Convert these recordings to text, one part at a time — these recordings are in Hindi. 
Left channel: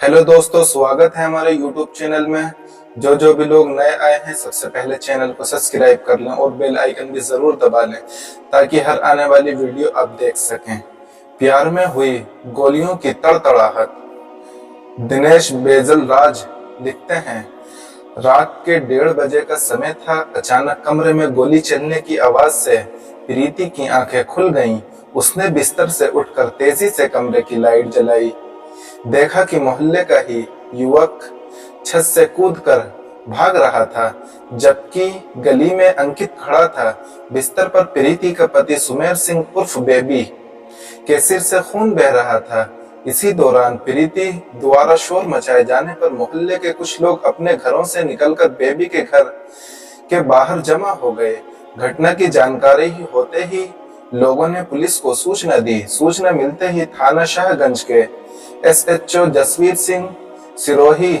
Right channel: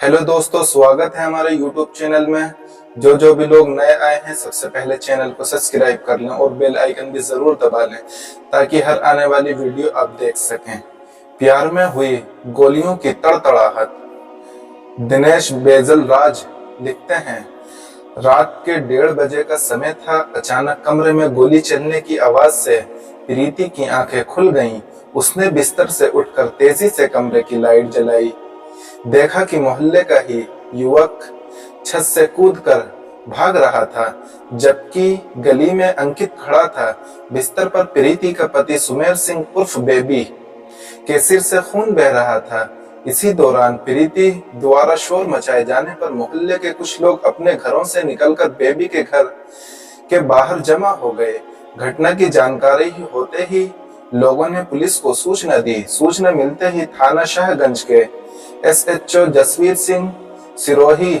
हेलो दोस्तों, स्वागत है हमारे YouTube चैनल में। जो भी लोग नए आए हैं, सबसे पहले चैनल को सब्सक्राइब कर लें और बेल आइकन भी जरूर दबा लें ताकि हर आने वाली वीडियो आप देख सकें। प्यार में हुई गोलियों की तड़तड़ाहट। दिनेश बेजल राज लिखते हैं, रात के 1:30 का समय था। अचानक कमरे में गोली चलने की आवाज से प्रीति की आंखें खुल गईं। उसने बिस्तर से उठकर तेजी से कमरे की लाइट जलाई। देखा कि मोहल्ले का ही युवक छत से कूदकर भाग रहा था, जबकि गली में अंकित खड़ा था। बिस्तर पर प्रीति का पति सुमेर सिंह उर्फ बेबी के सिर से खून बह रहा था। इसी दौरान प्रीति द्वारा शोर मचाए जाने पर मोहल्ले के कुछ लोग अपने घरों से निकलकर बेबी के घर के बाहर जमा हो गए। घटना की जानकारी होते ही लोगों ने पुलिस को सूचना दी। सूचना मिलते ही थाना शाहगंज के SHO Jasvir Singh Sirohi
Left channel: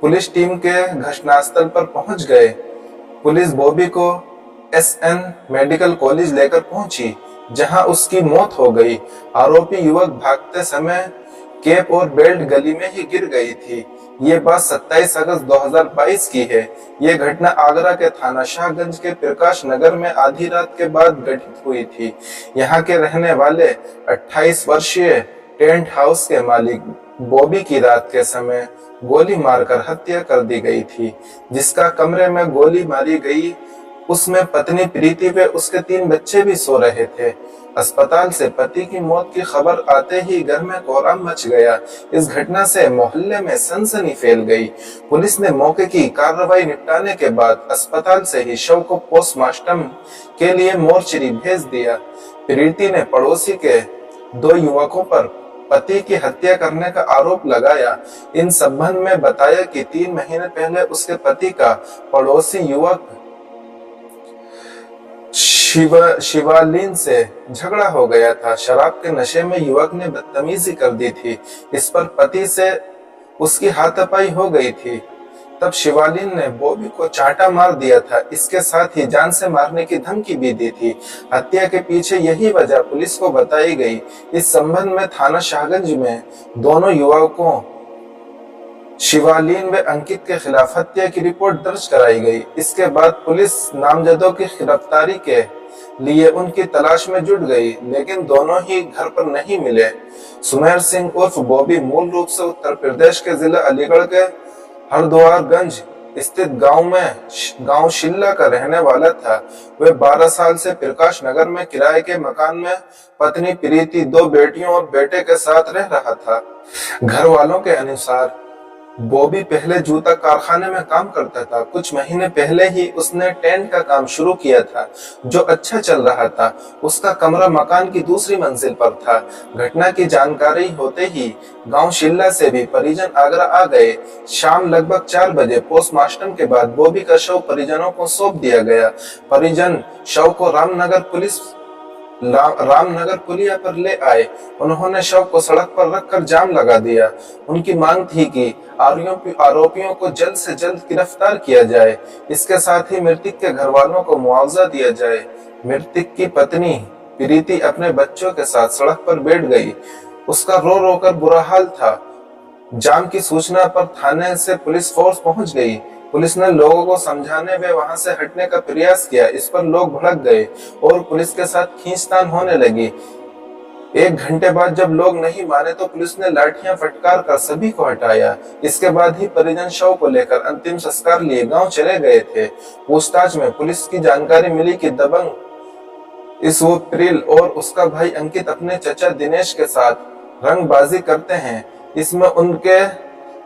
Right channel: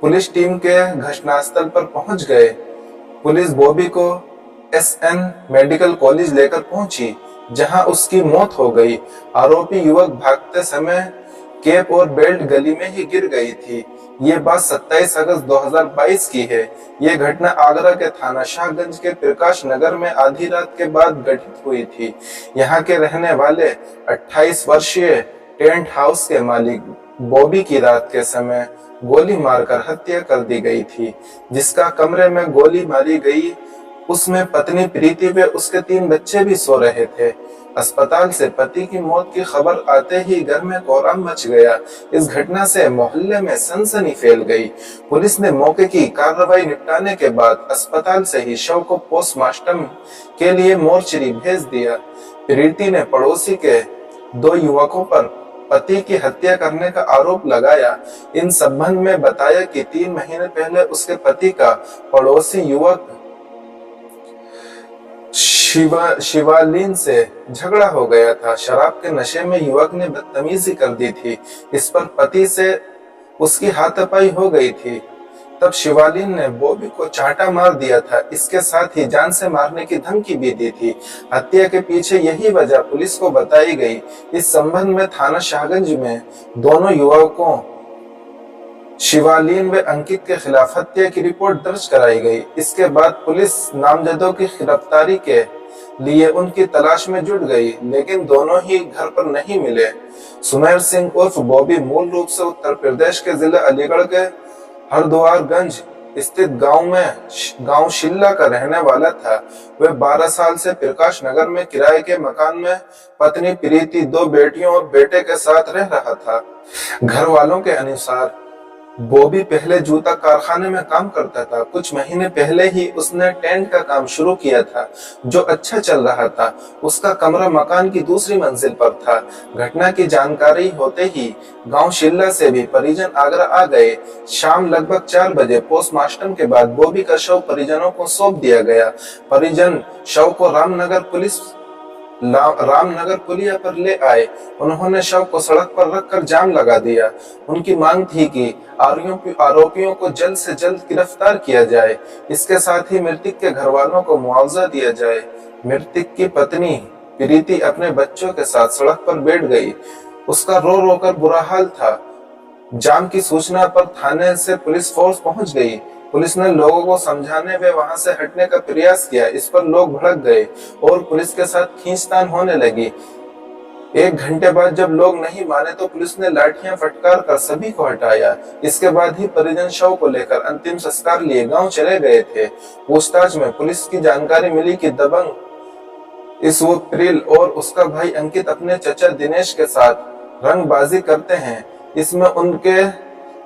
police team के घटनास्थल पर पहुंच गए। पुलिस बॉबी को SN मेडिकल कॉलेज लेकर पहुंची, जहां उसकी मौत हो गई। आरोपी युवक भागते समय कैप और बेल्ट गली में ही गिर गई थी। ये बात 27 अगस्त 2022 की है। ये घटना आगरा के थाना शाहगंज के प्रकाश नगर में आधी रात के बाद घटित हुई थी। यहाँ के रहने वाले 28 वर्षीय टेंट हाउस के मालिक बॉबी की रात के समय गोली मारकर हत्या कर दी गई थी। जिसका कमरे में गोली मारी गई, उसमें पत्नी प्रीति व उसके 3 बच्चे भी सो रहे थे। अस्पताल से पति की मौत की खबर आते ही घर में कोहराम मच गया। इस घटना से मोहल्ले में सनसनी फैल गई। पुलिस ने मौके की कार्रवाई निपटाने के बाद अस्पताल से ही शव को पोस्टमार्टम के लिए मोर्चरी भेज दिया। प्रीति ने पड़ोसी के 2 युवकों पर पति की हत्या करने का आरोप लगाया। इन संबंध में बताया कि 3 महीने पहले उसके पति का पड़ोसी युवक शिवालीन से झगड़ा हो गया था। शराब के नशे में युवक ने बदतमीजी कर दी थी। इस पर पति से उसकी हाथापाई हो गई थी। तब शिवालीन ने बॉबी को चांटा मार दिया था। इसके साथ ही जान से मारने की धमकी भी दी थी। हत्या के पीछे यही वजह पुलिस को बताई गई। इस संबंध में थाना शाहगंज में दोनों युवकों शिवालीन व अंकित के खिलाफ हत्या की रिपोर्ट दर्ज कराई गई। इसके बाद पुलिस नामजदों की गिरफ्तारी के लिए उनकी तलाश में जुट गई, लेकिन दोनों ही घर पर नहीं मिले। सुमेर सिंह उर्फ बॉबी मूल रूप से उत्तर प्रदेश के जिला अलीगढ़ के हरद्वारगंज स्थित गांव शिल्ला का रहने वाला था। वह 12 साल से प्रकाश नगर में किराए के मकान में पत्नी प्रीति, 2 बेटियों और बेटे के साथ रह रहा था। घर वालों के अनुसार बॉबी पहले जूता कारखाने में काम करता था। कुछ महीने पहले ही उसने टेंट का काम शुरू किया था, जो अच्छा चल रहा था। उसका कमरा मकान की दूसरी मंजिल पर था। घटना की जानकारी होते ही गांव शिल्ला से भी परिजन आगरा आ गए। शाम लगभग 4 बजे पोस्टमार्टम के बाद बॉबी का शव परिजनों को सौंप दिया गया। परिजन शव को रामनगर पुलिया पर ले आए। उन्होंने शव को सड़क पर रखकर जाम लगा दिया। उनकी मांग थी कि आरोपियों को जल्द से जल्द गिरफ्तार किया जाए। इसके साथ ही मृतक के घर वालों को मुआवजा दिया जाए। मृतक की पत्नी प्रीति अपने बच्चों के साथ सड़क पर बैठ गई। उसका रो रो कर बुरा हाल था। जाम की सूचना पर थाने से पुलिस फोर्स पहुंच गई। पुलिस ने लोगों को समझाने व वहां से हटने का प्रयास किया। इस पर लोग भड़क गए और पुलिस के साथ खींचतान होने लगी। 1 घंटे बाद जब लोग नहीं माने तो पुलिस ने लाठियां फटकार कर सभी को हटाया। इसके बाद ही परिजन शव को लेकर अंतिम संस्कार लिए गांव चले गए थे। पूछताछ में पुलिस की जानकारी मिली कि दबंग इसवप्रिल और उसका भाई अंकित अपने चचा दिनेश के साथ रंगबाजी करते हैं। इसमें उनके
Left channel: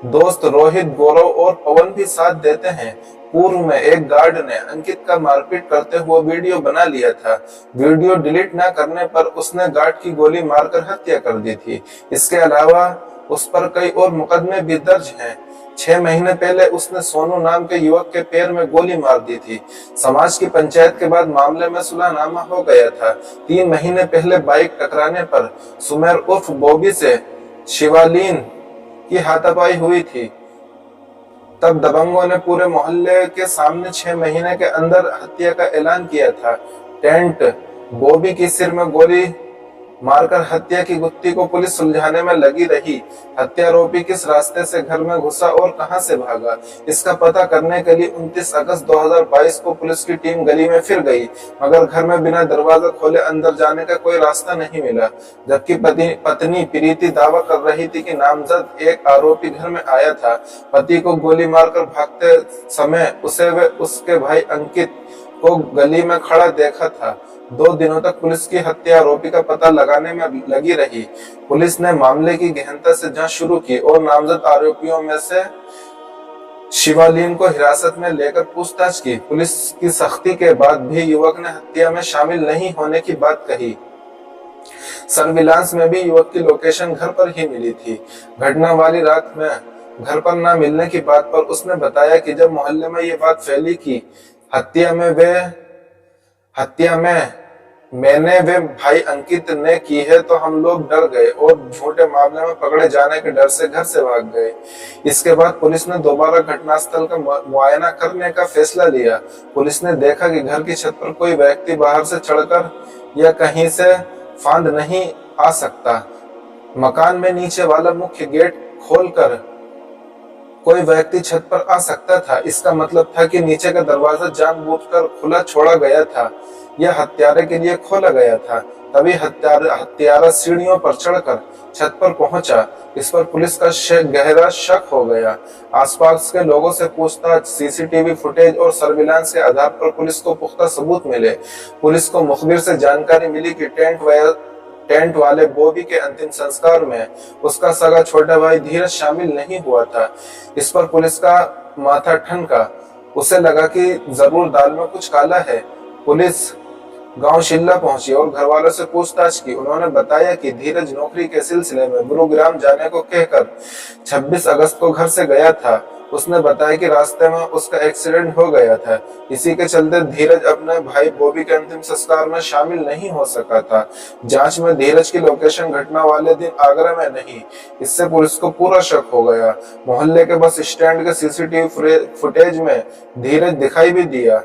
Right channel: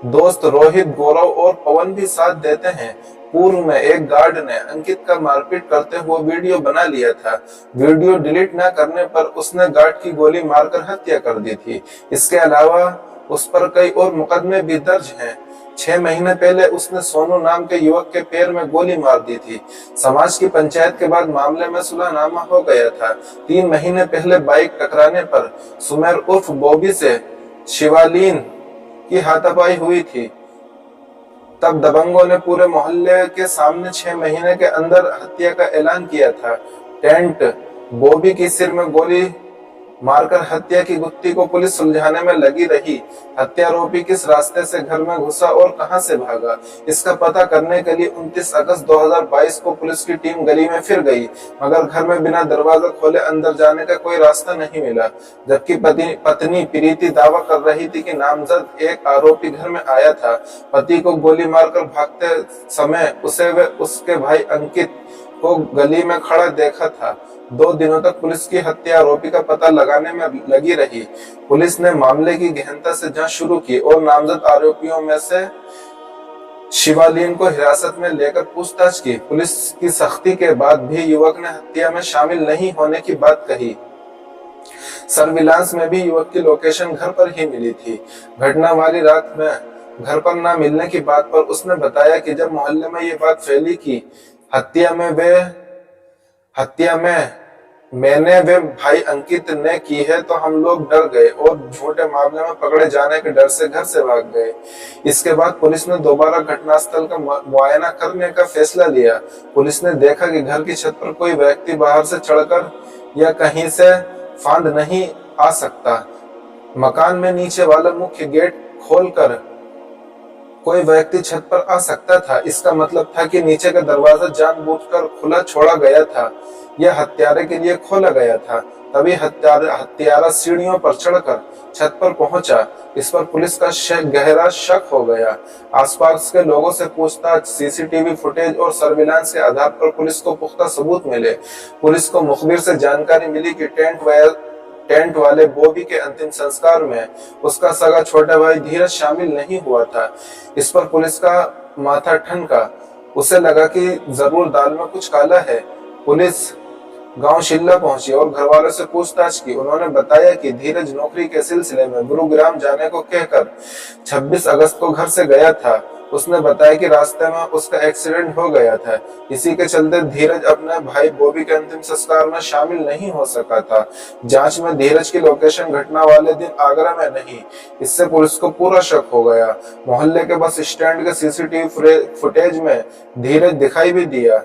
दोस्त रोहित, गौरव और पवन भी साथ देते हैं। पूर्व में एक गार्ड ने अंकित का मारपीट करते हुए वीडियो बना लिया था। वीडियो डिलीट न करने पर उसने गार्ड की गोली मारकर हत्या कर दी थी। इसके अलावा उस पर कई और मुकदमे भी दर्ज हैं। 6 महीने पहले उसने सोनू नाम के युवक के पैर में गोली मार दी थी। समाज की पंचायत के बाद मामले में सुलहनामा हो गया था। 3 महीने पहले बाइक टकराने पर सुमेर उर्फ बॉबी से शिवालीन की हाथापाई हुई थी। तब दबंगों ने पूरे मोहल्ले के सामने 6 महीने के अंदर हत्या का ऐलान किया था। टेंट बॉबी के सिर में गोली मारकर हत्या की गुत्थी को पुलिस सुलझाने में लगी रही। हत्यारोपी किस रास्ते से घर में घुसा और कहां से भागा, इसका पता करने के लिए 29 अगस्त 2022 को पुलिस की टीम गली में फिर गई, मगर घर में बिना दरवाजा खोले अंदर जाने का कोई रास्ता नहीं मिला। जबकि पत्नी प्रीति दावा कर रही थी कि नामजद एक आरोपी घर में आया था। पति को गोली मारकर भागते समय उसे व उसके भाई अंकित को गली में खड़ा देखा था। 2 दिनों तक पुलिस की हत्या आरोपी का पता लगाने में लगी रही। पुलिस ने मामले की गहनता से जांच शुरू की और नामजद आरोपियों में से शिवालिन को हिरासत में लेकर पूछताछ की। पुलिस की सख्ती के बाद भी युवक ने हत्या में शामिल नहीं होने की बात कही। सर्विलांस में भी युवक की लोकेशन घर पर ही मिली थी। घटना वाली रात में घर पर न मिलने की बात पर उसने बताया कि जब मोहल्ले में ये बात फैली कि हत्या में मैंने वे भाई अंकित ने की है तो हम लोग डर गए और झूठे मामले में पकड़े जाने के डर से घर से भाग गए। इसके बाद पुलिस ने दोबारा घटनास्थल का मुआयना करने का फैसला लिया। पुलिस ने देखा कि घर की छत पर कोई व्यक्ति बाहर से चढ़कर या कहीं से फांद नहीं आ सकता। मकान में नीचे वाला मुख्य गेट खोलकर कोई व्यक्ति छत पर आ सकता था। इसका मतलब था कि नीचे का दरवाजा जानबूझकर खुला छोड़ा गया था। यह हत्यारे के लिए खोला गया था। तभी हत्यारा सीढ़ियों पर चढ़कर छत पर पहुंचा। इस पर पुलिस का गहरा शक हो गया। आसपास के लोगों से पूछताछ, सीसीटीवी फुटेज और सर्विलांस के आधार पर पुलिस को पुख्ता सबूत मिले। पुलिस को मुखबिर से जानकारी मिली कि टेंट वाले बॉबी के अंतिम संस्कार में उसका सगा छोटा भाई धीरज शामिल नहीं हुआ था। इस पर पुलिस का माथा ठनका। उसे लगा कि जरूर दाल में कुछ काला है। पुलिस गांव शिल्ला पहुंची और घर वालों से पूछताछ की। उन्होंने बताया कि धीरज नौकरी के सिलसिले में गुरुग्राम जाने को कहकर 26 अगस्त को घर से गया था। उसने बताया कि रास्ते में उसका एक्सीडेंट हो गया था। इसी के चलते धीरज अपने भाई बॉबी के अंतिम संस्कार में शामिल नहीं हो सका था। जांच में धीरज की लोकेशन घटना वाले दिन आगरा में नहीं। इससे पुलिस को पूरा शक हो गया। मोहल्ले के बस स्टैंड के सीसीटीवी फुटेज में धीरज दिखाई भी दिया।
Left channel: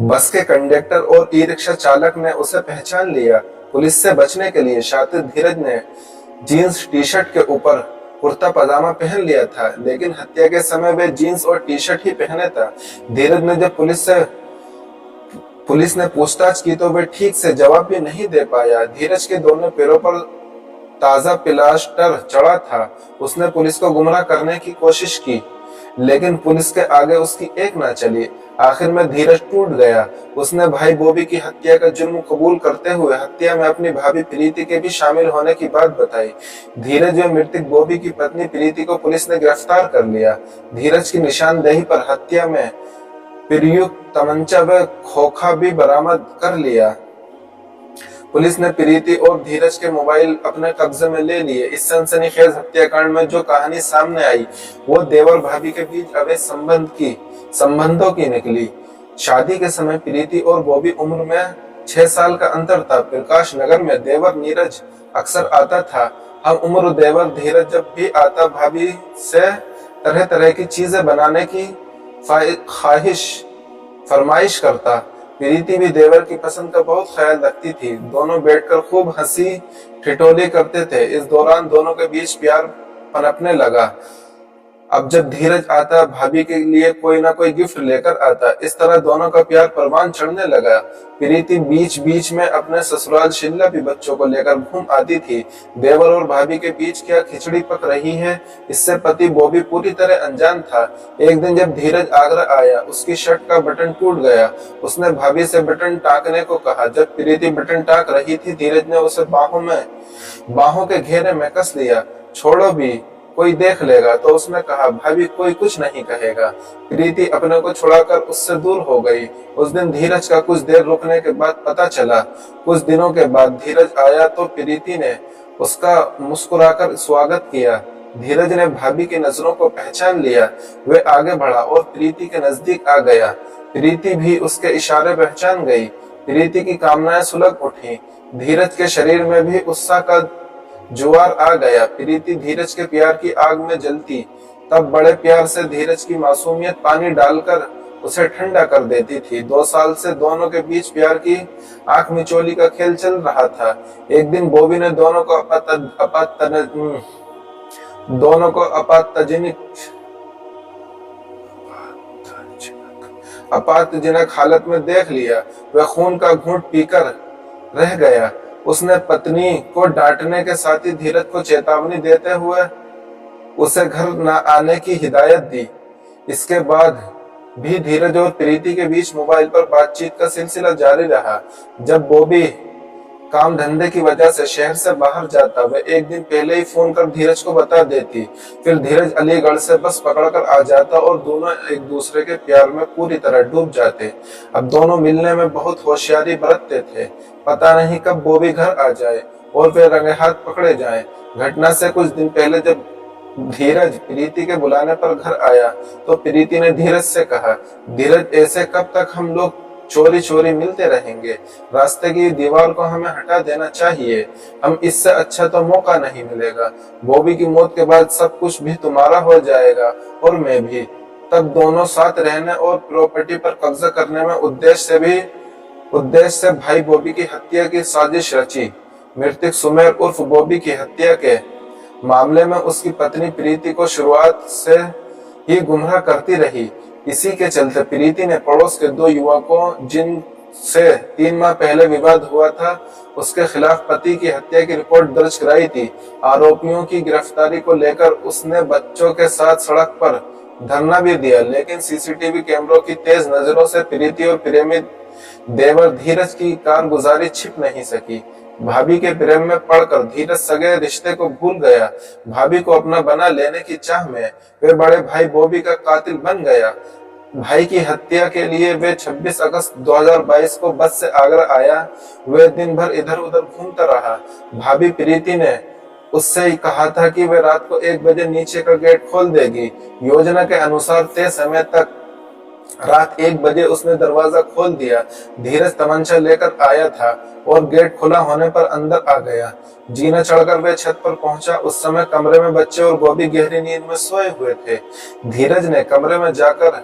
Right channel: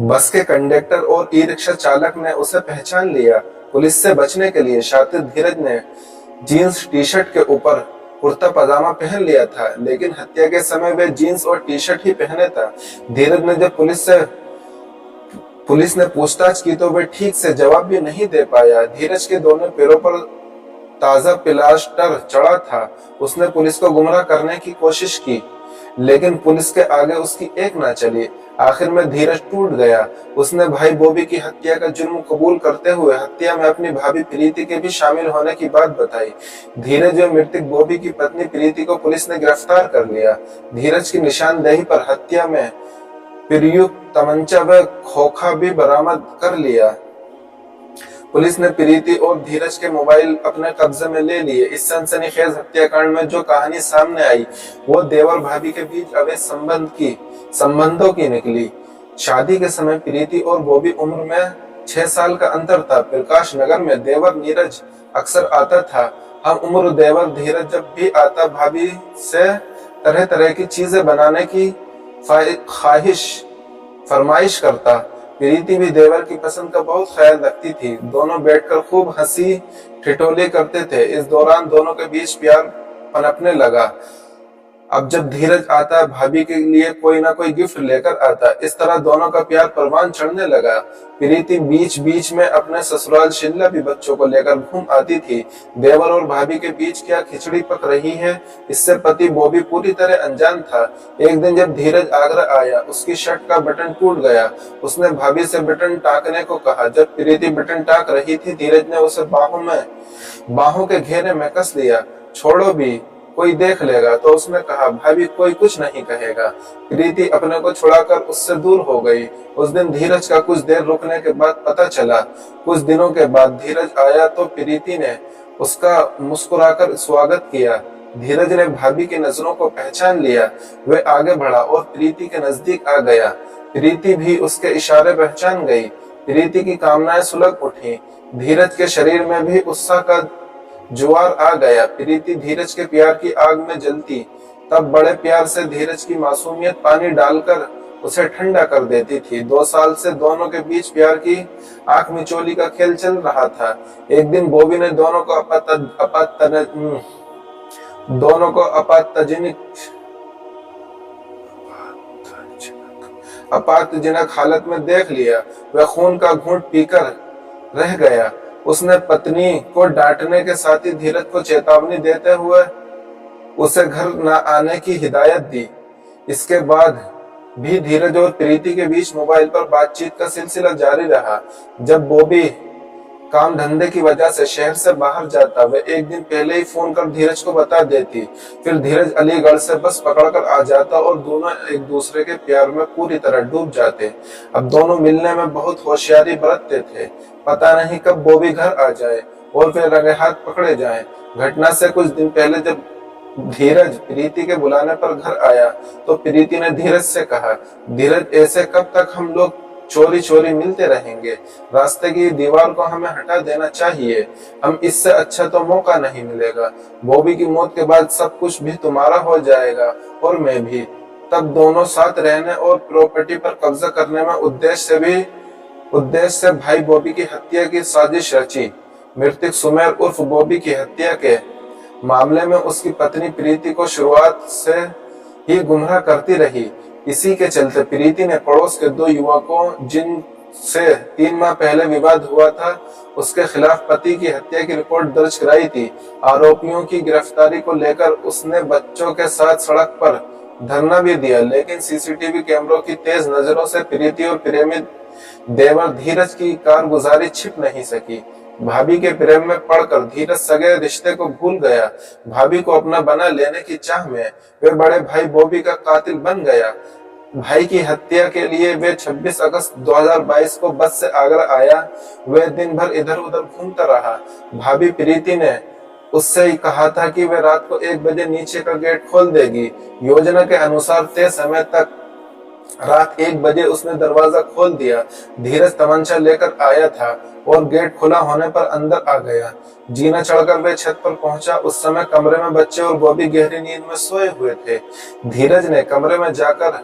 बस के कंडक्टर और ई रिक्शा चालक ने उसे पहचान लिया। पुलिस से बचने के लिए शातिर धीरज ने जीन्स टी शर्ट के ऊपर कुर्ता पजामा पहन लिया था, लेकिन हत्या के समय वे जीन्स और टी शर्ट ही पहने था। धीरज ने जब पुलिस ने पूछताछ की तो वे ठीक से जवाब भी नहीं दे पाया। धीरज के दोनों पैरों पर ताजा प्लास्टर चढ़ा था। उसने पुलिस को गुमराह करने की कोशिश की, लेकिन पुलिस के आगे उसकी एक ना चली। आखिर में धीरज टूट गया। उसने भाई बॉबी की हत्या का जुर्म कबूल करते हुए हत्या में अपनी भाभी प्रीति के भी शामिल होने की बात बताई। धीरज व मृतक बॉबी की पत्नी प्रीति को पुलिस ने गिरफ्तार कर लिया। धीरज की निशानदेही पर हत्या में प्रयुक्त तमंचा व खोखा भी बरामद कर लिया। पुलिस ने प्रीति और धीरज के मोबाइल अपने कब्जे में ले लिए। इस सनसनीखेज हत्याकांड में जो कहानी सामने आई वो देवर भाभी के बीच अवैध संबंधों की निकली। शादी के समय प्रीति और बॉबी उम्र में 6 साल का अंतर था। प्रकाश नगर में देवर नीरज अक्सर आता था। हम उम्र देवर धीरज जब भी आता भाभी से तरह तरह की चीजें बनाने की फरमाइश करता। प्रीति भी देवर की पसंद का बहुत ख्याल रखती थी। दोनों बैठकर खूब हंसी ठिठोली करते थे। इस दौरान दोनों के बीच प्यार पनपने लगा। अब जब धीरज आता भाभी के लिए कोई ना कोई गिफ्ट लेकर आता। इस तरह दोनों का प्यार परवान चढ़ने लगा। प्रीति बीच बीच में अपने ससुराल शिमला भी बच्चों को लेकर घूम आती थी। देवर और भाभी के बीच क्या खिचड़ी पक रही है, इससे पति बॉबी पूरी तरह अनजान था। एक दिन जब धीरज आगरा आया, उसकी शर्ट का बटन टूट गया। उसने भाभी से बटन टाकने को कहा। जब प्रीति बटन टाक रही थी, धीरज ने उसे बाहों के घेरे में कस लिया। छोड़ो भी, कोई देख लेगा। तो उसने कहा, भाभी कोई कुछ नहीं कहेगा। प्रीति अपने को छुड़ाकर उससे दूर हो गई। उस दिन धीरज का कुछ देर रुकने के बाद पता चला। कुछ दिनों के बाद धीरज आया तो प्रीति ने उसका मुस्कुराकर स्वागत किया। धीरज ने भाभी की नजरों को पहचान लिया। वे आगे बढ़ा और प्रीति के नजदीक आ गया। प्रीति भी उसके इशारे पहचान गई। प्रीति की कामनाएं सुलग उठी। धीरज के शरीर में भी उत्साह का जुआर आ गया। प्रीति धीरज के प्यार की आग में जलती। तब बड़े प्यार से धीरज की मासूमियत पानी डालकर उसे ठंडा कर देती थी। 2 साल से दोनों के बीच प्यार की आंख मिचोली का खेल चल रहा था। एक दिन बॉबी ने दोनों को आपातजनक हालत में देख लिया। वह खून का घूंट पीकर रह गया। उसने पत्नी को डांटने के साथ ही धीरज को चेतावनी देते हुए उसे घर न आने की हिदायत दी। इसके बाद भी धीरज और प्रीति के बीच मोबाइल पर बातचीत का सिलसिला जारी रहा। जब बॉबी काम धंधे की वजह से शहर से बाहर जाता, वह एक दिन पहले ही फोन कर धीरज को बता देती। फिर धीरज अलीगढ़ से बस पकड़कर आ जाता और दोनों एक दूसरे के प्यार में पूरी तरह डूब जाते। अब दोनों मिलने में बहुत होशियारी बरतते थे। पता नहीं कब बॉबी घर आ जाए और वे रंगे हाथ पकड़े जाएं। घटना से कुछ दिन पहले जब धीरज प्रीति के बुलाने पर घर आया तो प्रीति ने धीरज से कहा, धीरज ऐसे कब तक हम लोग चोरी चोरी मिलते रहेंगे? रास्ते की दीवार को हमें हटा देना चाहिए। हम इससे अच्छा तो मौका नहीं मिलेगा। बॉबी की मौत के बाद सब कुछ भी तुम्हारा हो जाएगा और मैं भी। तब दोनों साथ रहने और प्रॉपर्टी पर कब्जा करने में उद्देश्य से भाई बॉबी की हत्या की साजिश रची। मृतक सुमेर उर्फ बॉबी की हत्या के मामले में उसकी पत्नी प्रीति को शुरुआत से ही गुमराह करती रही। इसी के चलते प्रीति ने पड़ोस के 2 युवकों जिनसे 3 माह पहले विवाद हुआ था, उसके खिलाफ पति की हत्या की रिपोर्ट दर्ज कराई थी। आरोपियों की गिरफ्तारी को लेकर उसने बच्चों के साथ सड़क पर धरना भी दिया, लेकिन सीसीटीवी कैमरों की तेज नजरों से प्रीति और प्रेमी देवर धीरज की कारगुजारी छिप नहीं सकी। भाभी के प्रेम में पड़कर धीरज सगे रिश्ते को भूल गया। भाभी को अपना बना लेने की चाह में वे बड़े भाई बॉबी का कातिल बन गया। भाई की हत्या के लिए वे 26 अगस्त 2022 को बस से आगरा आया। वे दिन भर इधर उधर घूमता रहा। भाभी प्रीति ने उससे ही कहा था कि वे रात को 1 बजे नीचे का गेट खोल देगी। योजना के अनुसार तय समय तक रात 1 बजे उसने दरवाजा खोल दिया। धीरज तमंचा लेकर आया था और गेट खुला होने पर अंदर आ गया। जीना चढ़कर वे छत पर पहुंचा। उस समय कमरे में बच्चे और बॉबी गहरी नींद में सोए हुए थे। धीरज ने कमरे में जाकर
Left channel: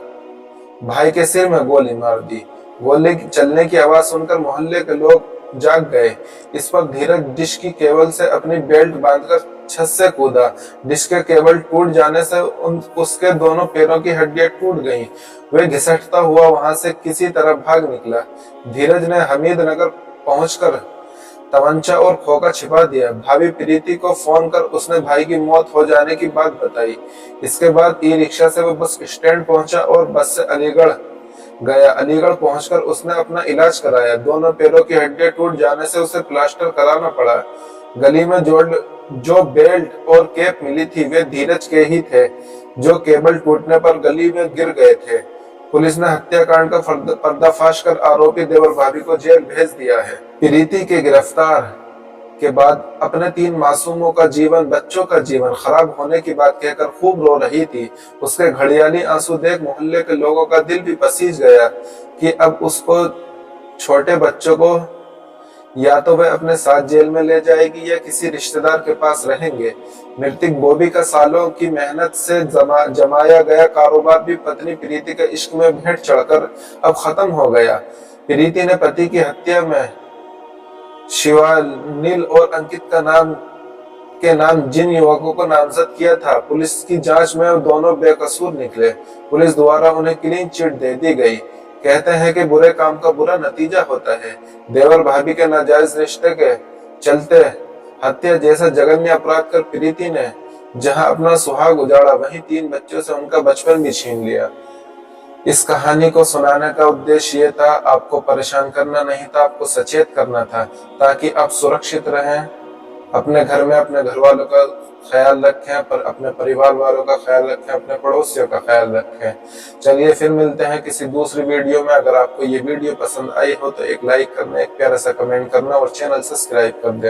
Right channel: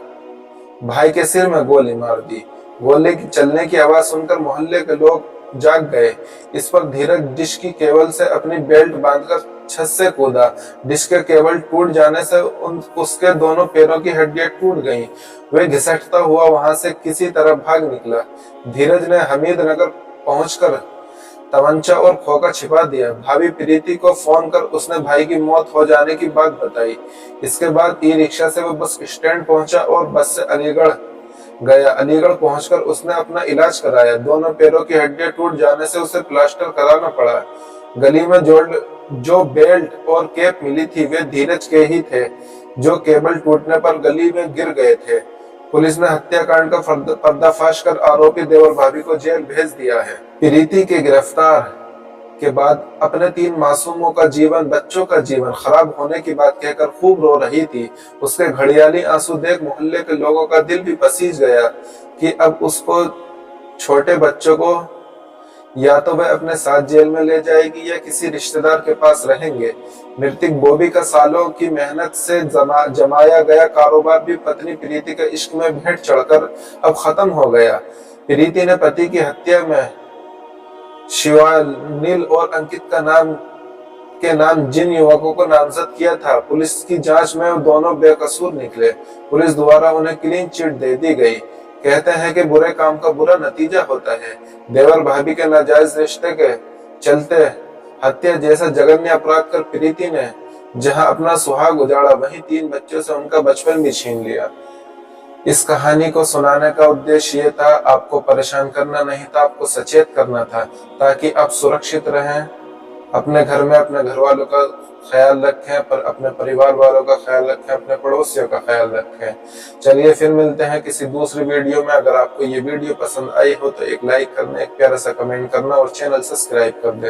भाई के सिर में गोली मार दी। गोली चलने की आवाज सुनकर मोहल्ले के लोग जाग गए। इस पर धीरज डिश की केबल से अपनी बेल्ट बांधकर छत से कूदा। डिश के केबल टूट जाने से उसके दोनों पैरों की हड्डियां टूट गईं। वे घिसटता हुआ वहां से किसी तरह भाग निकला। धीरज ने हमीद नगर पहुंचकर तमंचा और खोका छिपा दिया। भाभी प्रीति को फोन कर उसने भाई की मौत हो जाने की बात बताई। इसके बाद ई रिक्शा से वो बस स्टैंड पहुंचा और बस से अलीगढ़ गया। अलीगढ़ पहुंचकर उसने अपना इलाज कराया। दोनों पैरों की हड्डियां टूट जाने से उसे प्लास्टर कराना पड़ा। गली में जो बेल्ट और कैप मिली थी वे धीरज के ही थे, जो केबल टूटने पर गली में गिर गए थे। पुलिस ने हत्याकांड का पर्दाफाश कर आरोपी देवर भाभी को जेल भेज दिया है। प्रीति के गिरफ्तार के बाद अपने 3 मासूमों का जीवन, बच्चों का जीवन खराब होने की बात कहकर खूब रो रही थी। उसके घड़ियाली आंसू देख मोहल्ले के लोगों का दिल भी पसीज गया कि अब उसको छोटे बच्चों को या तो वह अपने साथ जेल में ले जाएगी या किसी रिश्तेदार के पास रहेंगे। मृतक बॉबी का सालों की मेहनत से जमाया गया कारोबार भी पत्नी प्रीति के इश्क में भेंट चढ़कर अब खत्म हो गया। प्रीति ने पति की हत्या में शिवानील और अंकित के नाम जिन युवकों को नामजद किया था, पुलिस की जांच में वो दोनों बेकसूर निकले। पुलिस द्वारा उन्हें क्लीन चिट दे दी गई। कहते हैं कि बुरे काम का बुरा नतीजा होता है। देवर भाभी के नाजायज रिश्ते के चलते हत्या जैसा जघन्य अपराध कर प्रीति ने जहां अपना सुहाग उजाड़ा, वहीं 3 बच्चों से उनका बचपन भी छीन लिया। इस कहानी को सुनाने का उद्देश्य ये था, आपको परेशान करना नहीं था, आपको सचेत करना था, ताकि आप सुरक्षित रहें, अपने घर में अपने घर वालों का ख्याल रखें, पर अपने परिवार वालों का ख्याल रखें, अपने पड़ोसियों का ख्याल रखें। चलिए फिर मिलते हैं किसी दूसरी वीडियो में। अगर आपको ये वीडियो पसंद आई हो तो एक लाइक करना, एक प्यारा सा कमेंट करना और चैनल सब्सक्राइब कर देना।